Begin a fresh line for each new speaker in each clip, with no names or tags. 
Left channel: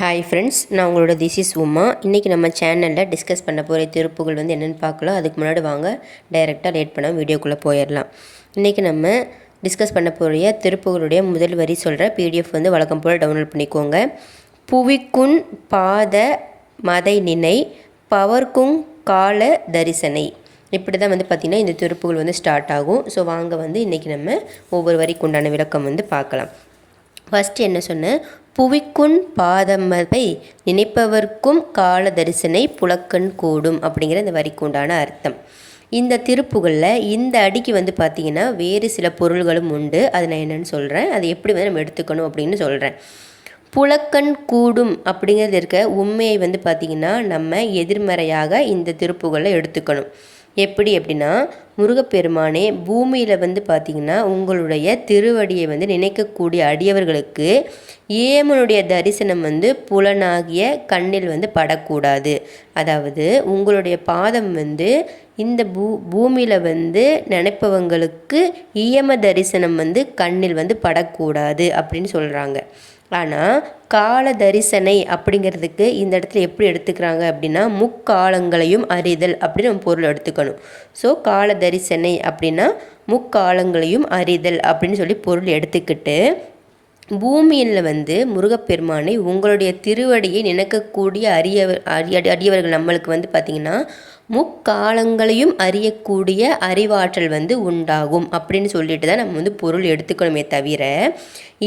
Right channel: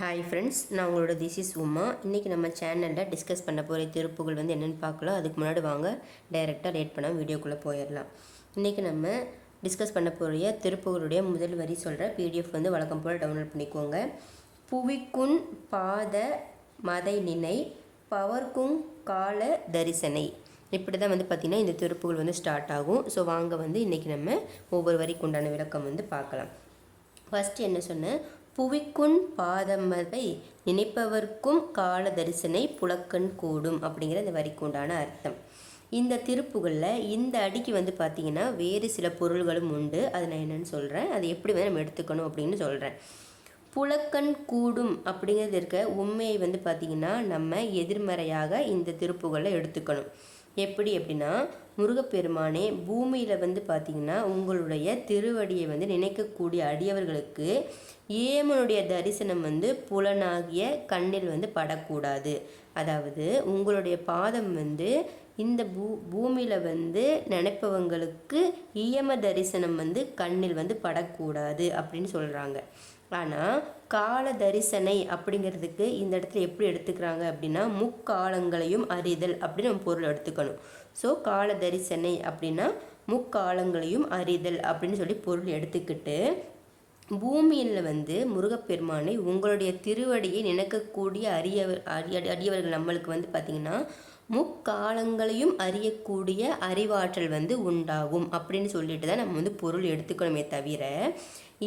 Hi friends நான் உங்களோட this is Uma. இன்றைக்கி நம்ம சேனலில் டிஸ்கஸ் பண்ண போகிற திருப்புகள் வந்து என்னென்னு பார்க்கலாம். அதுக்கு முன்னாடி வாங்க டைரெக்டாக லேட் பண்ணால் வீடியோக்குள்ளே போயிடலாம். இன்றைக்கி நம்ம டிஸ்கஸ் பண்ண போகிற திருப்புகளுடைய முதல் வரி சொல்கிற பிடிஎஃப் வந்து வழக்கம் போல் டவுன்லோட் பண்ணிக்கோங்க. புவிக்குன் பாத மதை நினை பவர்க்குங் கால தரிசனை. இப்படி தான் வந்து பார்த்திங்கன்னா இந்த திருப்புகள் வந்து ஸ்டார்ட் ஆகும். ஸோ வாங்க வந்து இன்றைக்கி நம்ம ஒவ்வொரு வரிக்கு உண்டான விளக்கம் வந்து பார்க்கலாம். ஃபஸ்ட்டு என்ன சொன்னேன் புவிக்குண் பாதமதை நினைப்பவர்க்கும் கால தரிசனை புலக்கண் கூடும் அப்படிங்கிற இந்த வரிக்கு உண்டான அர்த்தம். இந்த திருப்புகளில் இந்த அடிக்கு வந்து பார்த்திங்கன்னா வேறு சில பொருள்களும் உண்டு. அது நான் என்னென்னு சொல்கிறேன் அது எப்படி வந்து நம்ம எடுத்துக்கணும் அப்படின்னு சொல்கிறேன் புலக்கண் கூடும் அப்படிங்கிறது இருக்க உண்மையை வந்து பார்த்திங்கன்னா நம்ம எதிர்மறையாக இந்த திருப்புகளை எடுத்துக்கணும். எப்படி அப்படின்னா முருகப்பெருமானே பூமியில் வந்து பார்த்திங்கன்னா உங்களுடைய திருவடியை வந்து நினைக்கக்கூடிய அடியவர்களுக்கு ஏமனுடைய தரிசனம் வந்து புலனாகிய கண்ணில் வந்து படக்கூடாது. அதாவது உங்களுடைய பாதம் வந்து இந்த பூ பூமியில் வந்து நினைப்பவங்களுக்கு ஈயம தரிசனம் வந்து கண்ணில் வந்து படக்கூடாது அப்படின்னு சொல்கிறாங்க ஆனால் கால தரிசனை அப்படிங்கிறதுக்கு இந்த இடத்துல எப்படி எடுத்துக்கிறாங்க அப்படின்னா முக்காலங்களையும் அறிதல் அப்படின்னு நம்ம பொருள் எடுத்துக்கணும். ஸோ கால தரிசனை அப்படின்னா முக்காலங்களையும் அறிதல் அப்படின்னு சொல்லி பொருள் எடுத்துக்கிட்டு பூமியில் வந்து முருகப்பெருமானை உங்களுடைய திருவடியை நினைக்கக்கூடிய அரியவர் அரிய அடியவர்கள் நம்மளுக்கு வந்து பார்த்திங்கன்னா முக்காலங்களையும் அறியக்கூடிய அறிவாற்றல் வந்து உண்டாகும் அப்படின்னு சொல்லிட்டு தான் நம்ம வந்து பொருள் எடுத்துக்கணுமே தவிர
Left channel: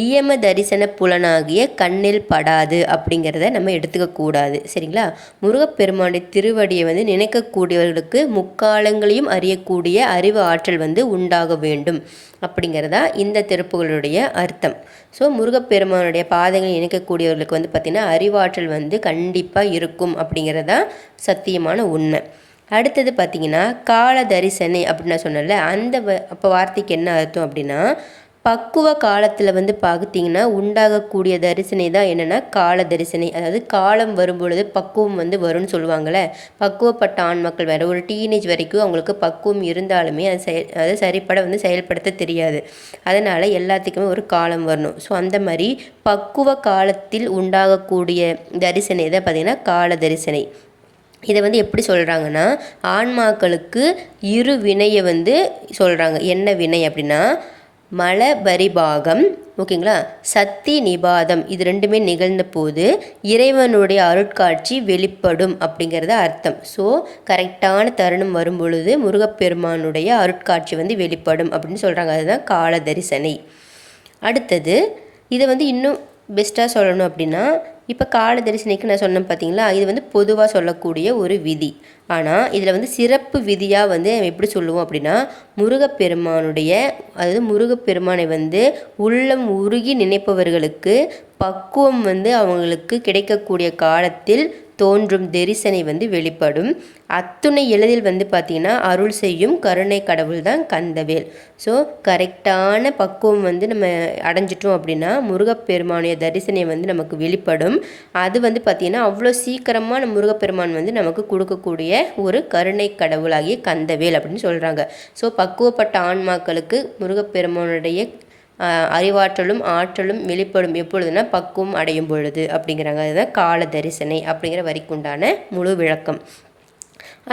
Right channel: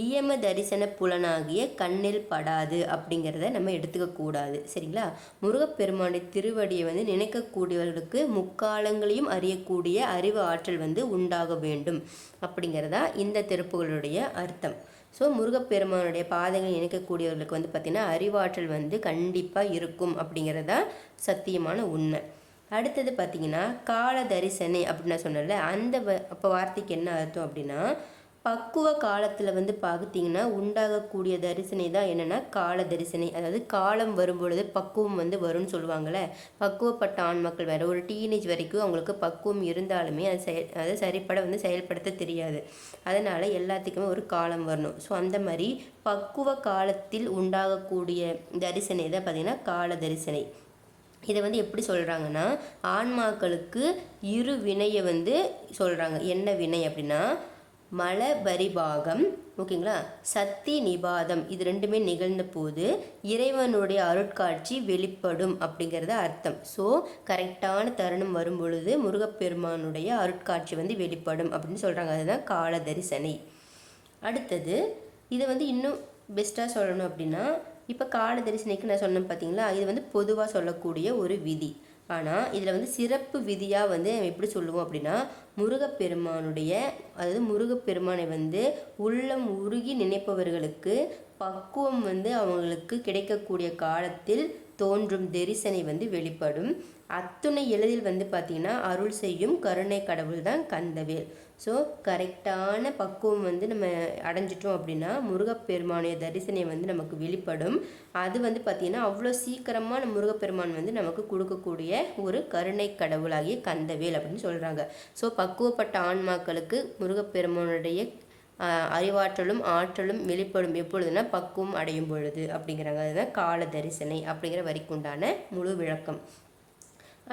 இயம தரிசன புலனாகிய கண்ணில் படாது அப்படிங்கிறத நம்ம எடுத்துக்கக்கூடாது சரிங்களா? முருகப்பெருமானுடைய திருவடியை வந்து நினைக்கக்கூடியவர்களுக்கு முக்காலங்களையும் அறியக்கூடிய அறிவு ஆற்றல் வந்து உண்டாக வேண்டும் அப்படிங்கிறதா இந்த திருப்புகளுடைய அர்த்தம். ஸோ முருகப்பெருமானுடைய பாதைகளை இணைக்கக்கூடியவர்களுக்கு வந்து பார்த்திங்கன்னா அறிவாற்றல் வந்து கண்டிப்பாக இருக்கும் அப்படிங்கிறதா சத்தியமான உண்மை. அடுத்தது பார்த்திங்கன்னா கால தரிசனை அப்படின்னு நான் சொன்னல அந்த அப்போ வார்த்தைக்கு என்ன அர்த்தம் அப்படின்னா பக்குவ காலத்தில் வந்து பார்த்திங்கன்னா உண்டாகக்கூடிய தரிசனை தான் என்னென்னா கால தரிசனை அதாவது காலம் வரும்பொழுது பக்குவம் வந்து வரும்னு சொல்லுவாங்கள்ல பக்குவப்பட்ட ஆண் மக்கள் வேறு ஒரு டீனேஜ் வரைக்கும் அவங்களுக்கு பக்குவம் இருந்தாலுமே அது செயல் அதை சரிப்பட வந்து செயல்படுத்த தெரியாது. அதனால் எல்லாத்துக்குமே ஒரு காலம் வரணும். ஸோ அந்த மாதிரி பக்குவ காலத்தில் உண்டாகக்கூடிய தரிசனை தான் பார்த்திங்கன்னா கால தரிசனை இதை வந்து எப்படி சொல்கிறாங்கன்னா ஆன்மாக்களுக்கு இரு வினையை வந்து சொல்கிறாங்க என்ன வினை அப்படின்னா மலபரிபாகம் ஓகேங்களா? சக்தி நிபாதம் இது ரெண்டுமே நிகழ்ந்த போது இறைவனுடைய அருட்காட்சி வெளிப்படும் அப்படிங்கிறத அர்த்தம். ஸோ கரெக்டான தருணம் வரும் பொழுது முருகப்பெருமானுடைய அருட்காட்சி வந்து வெளிப்படும் அப்படின்னு சொல்கிறாங்க அதுதான் கால தரிசனை அடுத்தது இதை வந்து இன்னும் பெஸ்ட்டாக சொல்லணும் அப்படின்னா இப்போ கால தரிசனைக்கு நான் சொன்னேன் பார்த்தீங்களா இது வந்து பொதுவாக சொல்லக்கூடிய ஒரு விதி. ஆனால் இதில் வந்து சிறப்பு விதியாக வந்து எப்படி சொல்லுவோம் அப்படின்னா முருகப்பெருமானுடைய அதாவது முருகப்பெருமானை வந்து உள்ளம் உருகி நினைப்பவர்களுக்கு பக்குவம் வந்து அவங்களுக்கு கிடைக்கக்கூடிய காலத்தில் தோன்றும் தரிசனை வந்து வெளிப்படும். அத்துணை எளிதில் வந்து பார்த்திங்கன்னா அருள் செய்யும் கருணை கடவுள் தான் கந்தவேல். ஸோ கரெக்டான பக்குவம் வந்து நம்ம அடைஞ்சிட்டோம் அப்படின்னா முருகப்பெருமானுடைய தரிசனை வந்து நமக்கு வெளிப்படும். அது வந்து பார்த்திங்கன்னா அவ்வளோ சீக்கிரமாக நம்ம முருகப்பெருமான் வந்து நமக்கு கொடுக்கக்கூடிய ஒரு கருணை கடவுளாகிய கந்தவேல் அப்படின்னு சொல்கிறாங்க ஸோ பக்குவப்பட்ட ஆன்மாக்களுக்கு முருகப்பெருமானுடைய அறிவாற்றலும் ஆற்றலும் வெளிப்படும் எப்பொழுதுனா பக்குவம் அடையும் பொழுது அப்படிங்கிறாங்க. அதுதான் கால தரிசனை அப்படிங்கிற வரிக்குண்டான முழு விளக்கம்.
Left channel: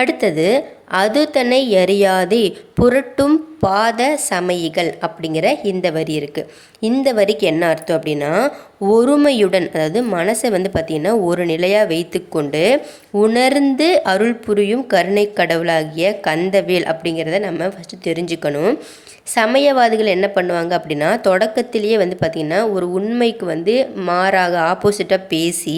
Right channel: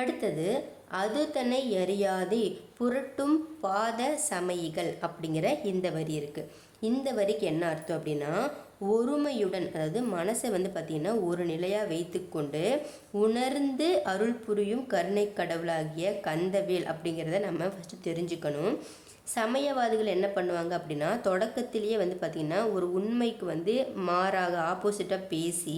அடுத்தது அது தன்னை அறியாதே புரட்டும் பாத சமயிகள் அப்படிங்கிற இந்த வரி இருக்குது இந்த வரிக்கு என்ன அர்த்தம் அப்படின்னா ஒருமையுடன் அதாவது மனசை வந்து பார்த்திங்கன்னா ஒரு நிலையாக வைத்துக்கொண்டு உணர்ந்து அருள் புரியும் கருணை கடவுளாகிய கந்தவேல் அப்படிங்கிறத நம்ம ஃபஸ்ட்டு தெரிஞ்சுக்கணும். சமயவாதிகள் என்ன பண்ணுவாங்க அப்படின்னா தொடக்கத்திலேயே வந்து பார்த்திங்கன்னா ஒரு உண்மைக்கு வந்து மாறாக ஆப்போசிட்டாக பேசி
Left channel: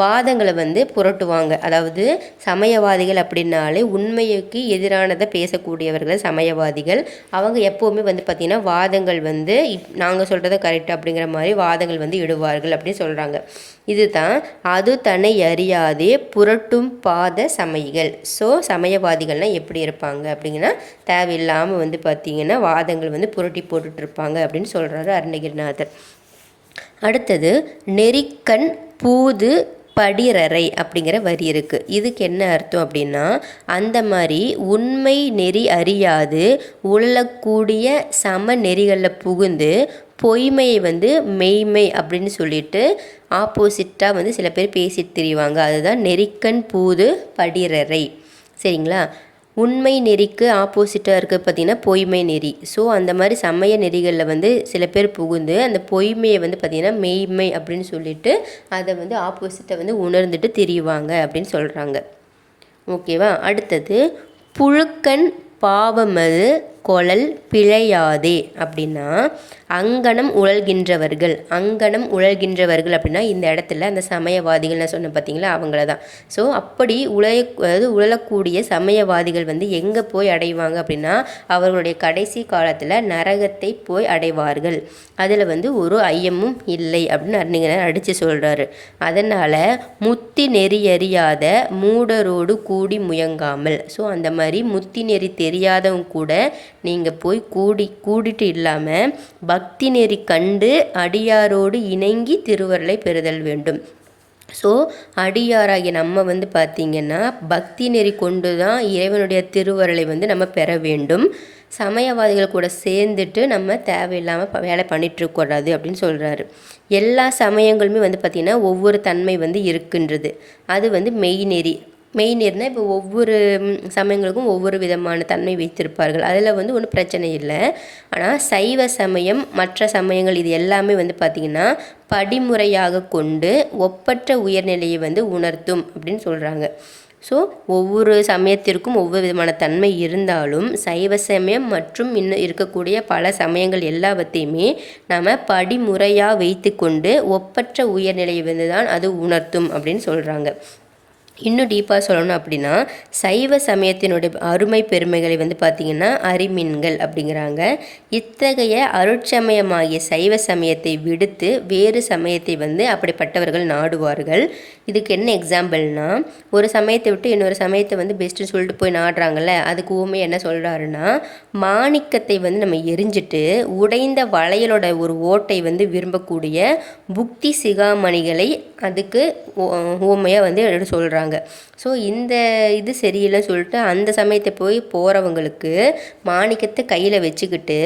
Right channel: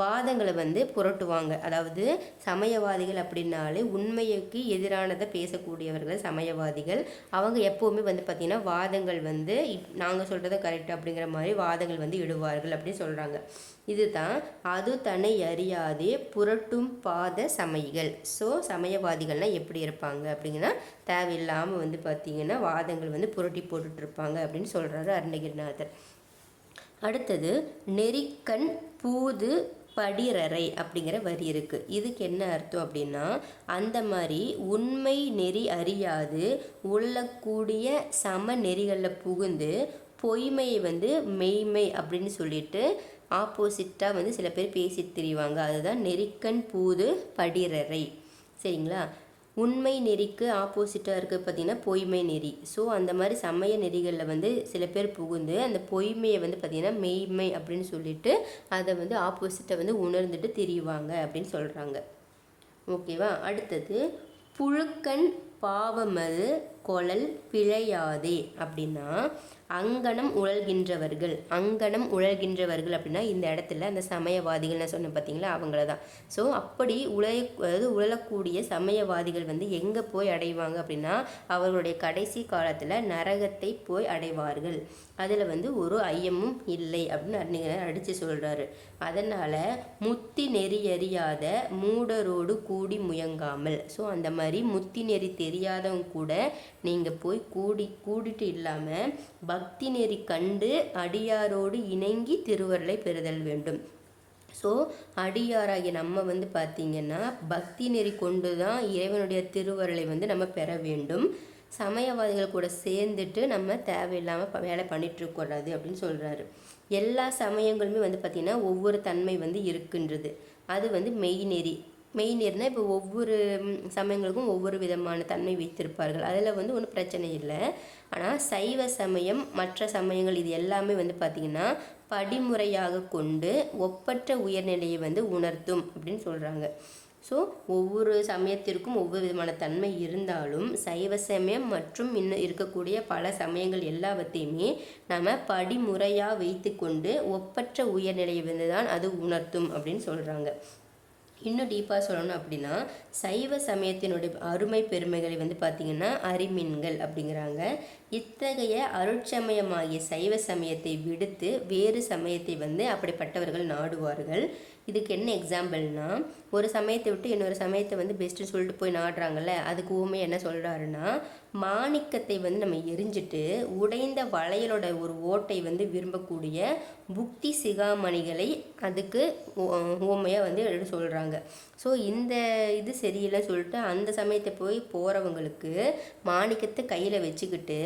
வாதங்களை வந்து புரட்டுவாங்க. அதாவது சமயவாதிகள் அப்படின்னாலே உண்மைக்கு எதிரானதை பேசக்கூடியவர்கள் சமயவாதிகள். அவங்க எப்போவுமே வந்து பார்த்திங்கன்னா வாதங்கள் வந்து இப் நாங்கள் சொல்கிறத கரெக்ட் அப்படிங்கிற மாதிரி வாதங்கள் வந்து இடுவார்கள் அப்படின்னு சொல்கிறாங்க இதுதான் அது தன்னை அறியாதே புரட்டும் பாத சமயிகள் ஸோ சமயவாதிகள்னால் எப்படி இருப்பாங்க அப்படிங்கன்னா தேவையில்லாமல் வந்து பார்த்திங்கன்னா வாதங்கள் வந்து புரட்டி போட்டுட்ருப்பாங்க அப்படின்னு சொல்கிறாரு அருணகிரிநாதர். அடுத்தது நெறிக்கண் பூது படிரறை அப்படிங்கிற வரி இருக்குது இதுக்கு என்ன அர்த்தம் அப்படின்னா அந்த மாதிரி உண்மை நெறி அறியாது உழலக்கூடிய சம நெறிகளில் புகுந்து பொய்மையை வந்து மெய்மை அப்படின்னு சொல்லிட்டு ஆப்போசிட்டாக வந்து சில பேர் பேசிட்டு திரிவாங்க. அதுதான் நெறிக்கண் பூது படிரறை சரிங்களா? உண்மை நெறிக்கு ஆப்போசிட்டாக இருக்குது பார்த்திங்கன்னா பொய்மை நெறி. ஸோ அந்த மாதிரி சமய நெறிகளில் வந்து சில பேர் புகுந்து அந்த பொய்மையை வந்து பார்த்திங்கன்னா மெய்மை அப்படின்னு சொல்லிட்டு அதை வந்து ஆப்போசிட்டை வந்து உணர்ந்துட்டு திரியுவாங்க அப்படின்னு சொல்கிறாங்க ஓகேவா அடுத்தது புழுக்கன் பாவமது கொழல் பிழையாதே அப்படின்னா அங்கனம் உழல்கின்றவர்கள். அங்கனம் உழல்கின்றவர்கள் அப்படின்னா இந்த இடத்துல அந்த சமயவாதிகள் நான் சொன்னேன் பார்த்தீங்களா? அவங்கள தான் ஸோ அப்படி உழைய அதாவது உழலக்கூடிய சமயவாதிகள் வந்து எங்கே போய் அடைவாங்க அப்படின்னா அவர்களுடைய கடைசி காலத்தில் நரகத்தை போய் அடைவார்கள். அதில் வந்து ஒரு ஐயமும் இல்லை அப்படின்னு அறிஞர் அடித்து சொல்கிறாரு அதனால் முத்தி நெறியறியாத மூடரோடு கூடி முயங்காமல். ஸோ அந்த மாதிரி முத்தி நெறி தெரியாதவங்க கூட நீங்கள் போய் கூடி கூடிட்டு இல்லாமல் பக்தி நெறி கண்டு அடியாரோடு இணங்கி திருவருளை பெறுதல் வேண்டும். ஸோ அடியாராகிய நம்ம வந்து பார்த்திங்கன்னா பக்தி நெறி கொண்டு தான் இறைவனுடைய திருவருளை வந்து நம்ம பெற வேண்டும். சமயவாதிகள் கூட சேர்ந்துட்டு நம்ம தேவையில்லாமல் வேலை பண்ணிகிட்ருக்கூடாது அப்படின்னு சொல்கிறாரு எல்லா சமயங்களுமே வந்து பார்த்திங்கன்னா ஒவ்வொரு தன்மை வந்து இருக்கின்றது. அது வந்து மெய்நெறி. மெய்நீர்னால் இப்போ ஒவ்வொரு சமயங்களுக்கும் ஒவ்வொரு விதமான தன்மை வைத்திருப்பார்கள். அதில் வந்து ஒன்றும் பிரச்சனை இல்லை. ஆனால் சைவ சமயம் மற்ற சமயங்கள் இது எல்லாமே வந்து பார்த்திங்கன்னா படிமுறையாக கொண்டு ஒப்பற்ற உயர்நிலையை வந்து உணர்த்தும் அப்படின்னு சொல்கிறாங்க ஸோ ஒவ்வொரு சமயத்திற்கும் ஒவ்வொரு விதமான தன்மை இருந்தாலும் சைவ சமயம் மற்றும் இன்னும் இருக்கக்கூடிய பல சமயங்கள் எல்லாவற்றையுமே நாம் படிமுறையாக வைத்து கொண்டு ஒப்பற்ற உயர்நிலையை வந்து தான் அது உணர்த்தும் அப்படின்னு சொல்கிறாங்க இன்னும் டீப்பாக சொல்லணும் அப்படின்னா சைவ சமயத்தினுடைய அருமை பெருமைகளை வந்து பார்த்திங்கன்னா அரிமின்கள் அப்படிங்கிறாங்க. இத்தகைய அருட்சமயமாகிய சைவ சமயத்தை விடுத்து வேறு சமயத்தை வந்து அப்படிப்பட்டவர்கள் நாடுவார்கள். இதுக்கு என்ன எக்ஸாம்பிள்னா ஒரு சமயத்தை விட்டு இன்னொரு சமயத்தை வந்து பெஸ்ட்டுன்னு சொல்லிட்டு போய் நாடுறாங்கல்ல அதுக்கு ஊமை என்ன சொல்கிறாருன்னா மாணிக்கத்தை வந்து நம்ம எரிஞ்சிட்டு உடைந்த வளையலோட ஒரு ஓட்டை வந்து விரும்பக்கூடிய புக்தி சிகாமணிகளை அதுக்கு ஊமையாக வந்து சொல்கிறாங்க ஸோ இந்த இது சரியில்லைன்னு சொல்லிட்டு அந்த சமயத்தை போய் போகிறவங்களுக்கு மாணிக்கத்தை கையில் வச்சுக்கிட்டு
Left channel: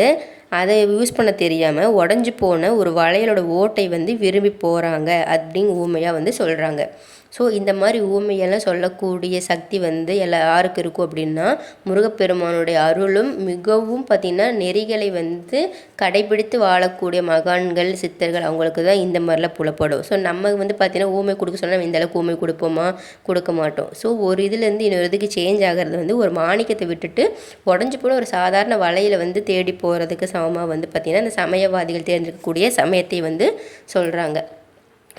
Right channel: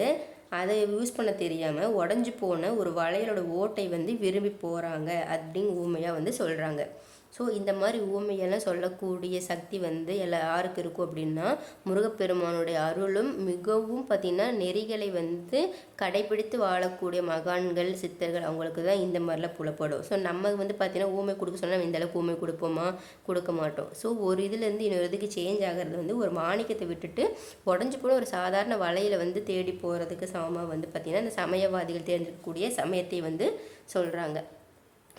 அதை யூஸ் பண்ண தெரியாமல் உடஞ்சி போன ஒரு வளையலோட ஓட்டை வந்து விரும்பி போகிறாங்க அப்படின்னு ஊமையாக வந்து சொல்கிறாங்க ஸோ இந்த மாதிரி ஊமையெல்லாம் சொல்லக்கூடிய சக்தி வந்து எல்லா யாருக்கு இருக்கும் அப்படின்னா முருகப்பெருமானுடைய அருளும் மிகவும் பார்த்திங்கன்னா நெறிகளை வந்து கடைபிடித்து வாழக்கூடிய மகான்கள் சித்தர்கள் அவங்களுக்கு தான் இந்த மாதிரிலாம் புலப்படும். ஸோ நம்ம வந்து பார்த்திங்கன்னா ஊமை கொடுக்க சொன்னால் இந்த அளவுக்கு ஊமை கொடுப்போமா? கொடுக்க மாட்டோம். ஸோ ஒரு இதுலேருந்து இன்னொரு இதுக்கு சேஞ்ச் ஆகிறது வந்து ஒரு மாணிக்கத்தை விட்டுட்டு உடஞ்சி போன ஒரு சாதாரண வலையில் வந்து தேடி போகிறதுக்கு சமமாக வந்து பார்த்திங்கன்னா இந்த சமயவாதிகள் தேர்ந்தெடுக்கக்கூடிய சமயத்தை வந்து சொல்கிறாங்க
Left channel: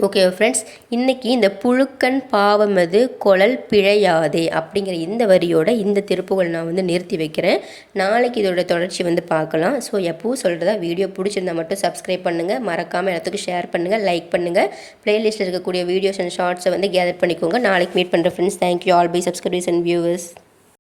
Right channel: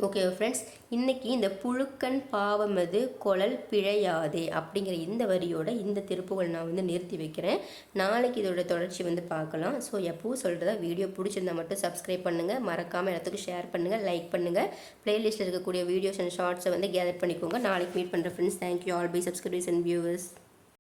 ஓகே ஃப்ரெண்ட்ஸ் இன்றைக்கி இந்த புழுக்கன் பாவமது குழல் பிழையாதே அப்படிங்கிற இந்த வரியோட இந்த திருப்புகள் நான் வந்து நிறுத்தி வைக்கிறேன். நாளைக்கு இதோட தொடர்ச்சி வந்து பார்க்கலாம். ஸோ எப்பவும் சொல்கிறதா வீடியோ பிடிச்சிருந்தா மட்டும் சப்ஸ்கிரைப் பண்ணுங்கள் மறக்காமல் எல்லாத்துக்கும் ஷேர் பண்ணுங்கள் லைக் பண்ணுங்கள் ப்ளேலிஸ்ட்டில் இருக்கக்கூடிய வீடியோஸ் அண்ட் ஷார்ட்ஸை வந்து கேதர் பண்ணிக்கோங்க. நாளைக்கு மீட் பண்ணுற friends thank you all bye subscribers and viewers